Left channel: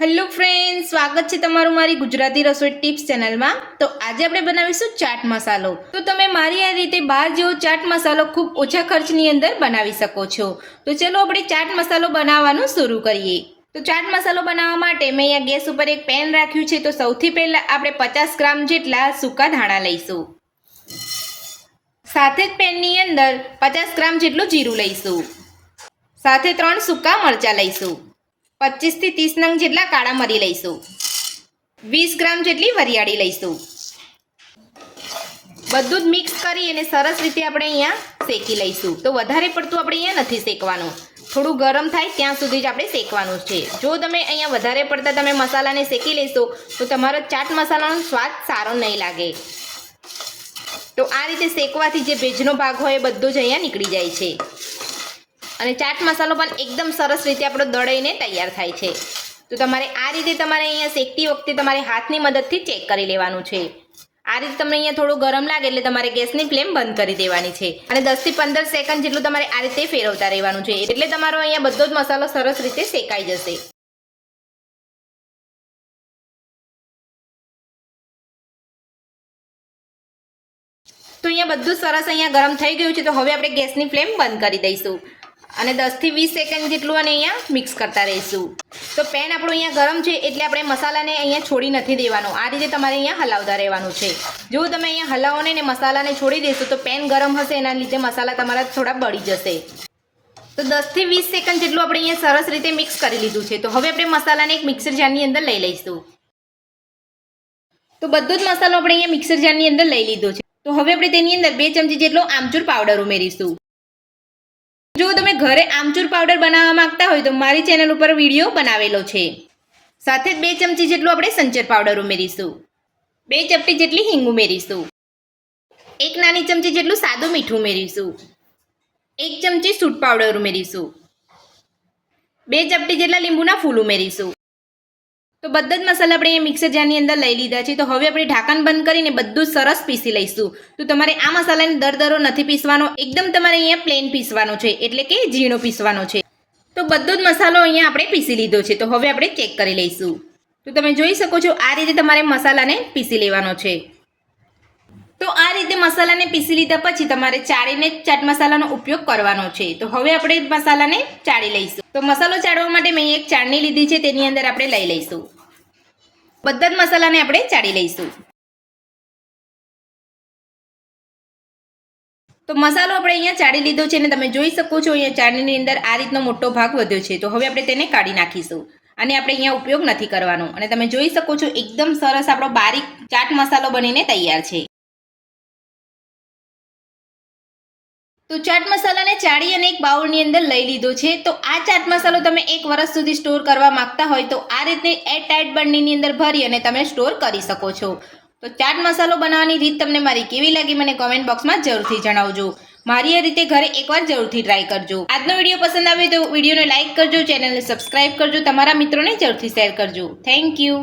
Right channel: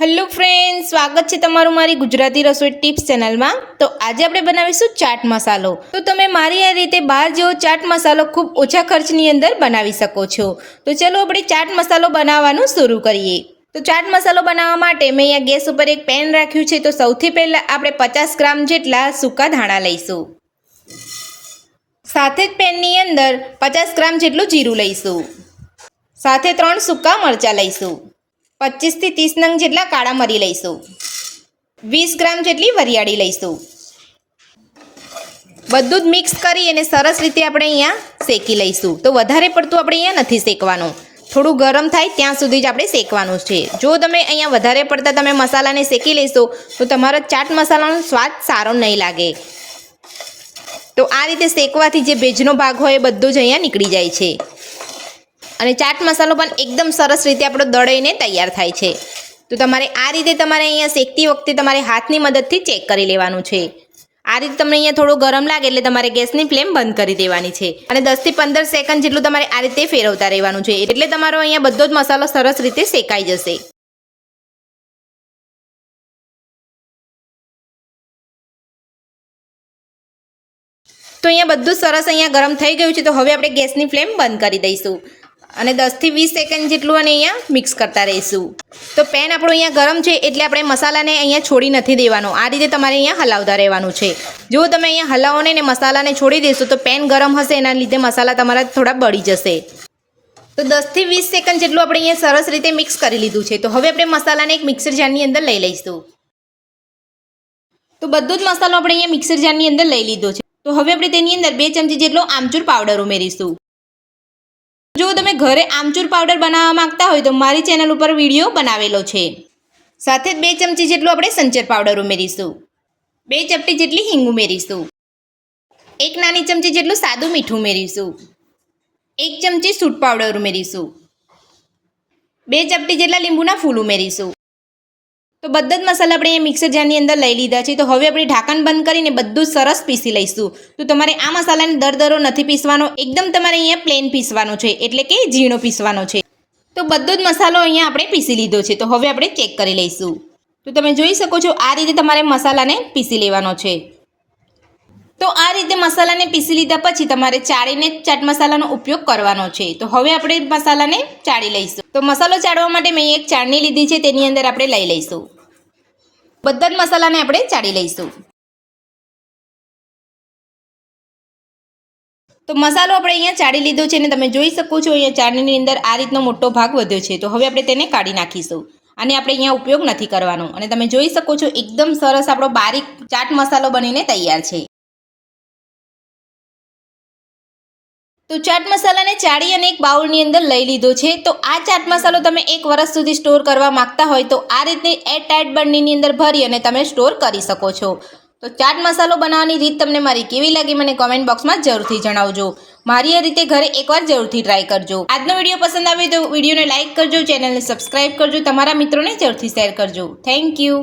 Hello friends, સ્વાગત છે તમારું મારી ગુજરાતી રસોઈ ટિપ્સ ચેનલમાં। તો આજે આપણે બનાવીશું ચાટ મસાલો। તો તમે મારી આ રીતે બહાર જેવો ચાટ મસાલો ખૂબ ઓછા ખર્ચની અંદર બનાવી શકો છો। તો ચલો આપણે ચાટ મસાલો બનાવવાનું શરૂ કરીએ। તો ચાટ મસાલો બનાવવા માટે મેં અહીંયા ગેસ ઉપર એક પેન રાખ્યું છે। તો સૌથી પહેલાં આપણે 50 ગ્રામ જેટલા સૂકા ધાણા લઈશું। સાથે જ પેનની અંદર 50 ગ્રામ જેટલું જીરું લઈશું। સાથે 3 સૂકા મરચાં લઈશું। 25 થી 30 નંગ જેટલા કાળા મરી લઈશું। 20 ગ્રામ જેટલી વરિયાળી લઈશું। બધું જ મિક્સ કરી અને સરસ રીતે આપણે અહીંયા શેકી લઈશું। તો વધારે પડતું આપણે અહીંયા નથી શેકવાનું, થોડું ગરમ થાય ત્યાં સુધી જ આપણે શેકવાનું છે। જો તમે અહીંયા વધારે પડતા તમે મસાલાને શેકી લેશો તો તમારો ચાટ મસાલાનો સ્વાદ સારો નહીં લાગે। તો આ રીતે શેકવાથી જે ભેજનો ભાગ હોય એ બધો જ અહીંયા નીકળી જાય છે અને ચાટ મસાલો પણ એકદમ સરસ રીતે આપણો દળાઈને તૈયાર થાય છે। તો તમારે આ રીતે તમારે અહીંયા શેકતી વખતે તમારે હાથની મદદથી ચેક કરી લેવાનું છે। આ રીતે તમને અહીંયા થોડું ગરમ લાગે એટલે તમારે ગેસની ફ્લેમ બંધ કરી દેવાની છે અને 10 થી 15 સેકન્ડ જેટલું તમારે આ રીતે ફેરવતા રહેવાનું છે, એટલે તમારો અહીંયા બધો જ મસાલો સરસ રીતે શેકાઈ જશે। તો અહીંયા બધું સરસ અહીંયા ગરમ થઈ ગયું છે। તો હવે આપણે ગેસની ફ્લેમ બંધ કરી દઈશું અને 10 થી 20 સેકન્ડ જેટલું અને અહીંયા મિક્સ કરતા રહીશું। તો પેન આપણું અહીંયા ગરમ છે એટલે આપણે મસાલાને અહીંયા છોડી નથી દેવાનો, આ રીતે તમારે અહીંયા હલાવતા રહેવાનું છે। જો તમે અહીંયા હલાવો ને મસાલાને છોડી દેશો તો પેન ગરમ હશે, એના લીધે મસાલા તમારા થોડા બળી જશે। તો 10 થી 20 સેકન્ડ જેટલું આપણે અહીંયા સરસ રીતે મિક્સ કરી લીધું છે। તો હવે આપણે મસાલાને એક મિક્સર જારની અંદર લઈ લઈશું। તો બધો જ મસાલો આપણે અહીંયા મિક્સર જારની અંદર લઈ લીધો છે। તો હવે આપણે તેની અંદર 2 ચમચી જેટલો આમચૂર પાવડર ઉમેરીશું। જો તમે ઘરે આમચૂર પાવડર બનાવવા માંગતા હોય તો મારી ચેનલ ઉપર વિડીયો બનાવેલો છે। સાથે જ 2 ચમચી જેટલું આપણે સંચર પાવડર ઉમેરીશું। 2 ચપટી જેટલી હિંગ ઉમેરીશું। 1 નાની ચમચી જેટલું સાદું મીઠું ઉમેરીશું। 1 ચમચી સૂંઠ પાવડર ઉમેરીશું। 2 ચપટી જેટલા લીંબુના ફૂલ ઉમેરીશું। તો બધા જ મસાલા આપણે અહીંયા મિક્સર જારની અંદર લઈ લીધા છે। તો હવે આપણે ઢાંકણ બંધ કરીને બધું જ સરસ પીસી લઈશું। તો તમારે આ મસાલાને દરદરો નથી પીસવાનો, એકદમ તમારે અહીંયા પ્લેન પીસવાનો છે, એટલે કે ઝીણો પીસવાનો છે। તો બધો જ મસાલો અહીંયા આપણે પીસી લીધો છે। તો હવે આપણે ચેક કરી લઈશું। તો તમે જોઈ શકો છો આ રીતે તમારે મસાલાને પીસી લેવાનો છે। તો આ રીતે મસાલાને પીસી લીધા પછી તમારે ચાળીને ચાટ મસાલાનો ઉપયોગ કરવાનો છે। તો હવે આપણે મસાલાને ચાળી લઈશું। તો મસાલો ચાળવા માટે મેં એક ચાળણી લીધી છે, તેની અંદર આપણે લઈ લઈશું। બધા જ મસાલાને આપણે ચાળી લઈશું। તો મસાલો આપણે અહીંયા ચાળી લીધો છે અને તમે જોઈ શકો છો અહીંયા ચાળણીની અંદર આ રીતનો મોટો ભાગ વધ્યો છે। તો હવે આપણે તેને કાઢી નાખીશું અને આપણે અહીંયા ઉપયોગ નથી કરવાનો અને તમે જોઈ શકો છો એકદમ સરસ આપણો બારીક ચાટ મસાલો બનીને તૈયાર છે। તો ચાટ મસાલાને ચાળી અને એક બાઉલની અંદર લઈ લીધો છે। તો આ ચાટ મસાલો તમે 1 વર્ષ સુધી સ્ટોર કરવા માંગતા હોય તો આ રીતે એરટાઇટ બરણીની અંદર ભરી અને તમે સ્ટોર કરી શકો છો। તો ચાટ મસાલો બનાવવાની રીત તમને મારી કેવી લાગી મને કોમેન્ટ બોક્સમાં જરૂરથી જણાવજો। મારી આ રીતે ઘરે એકવાર જરૂરથી ટ્રાય કરજો। આજનો વિડીયો પસંદ આવે તો વિડીયોને લાઇક કરજો, ચેનલને સબસ્ક્રાઇબ કરજો, તમારા મિત્રોને જરૂરથી શેર કરજો। Thank you.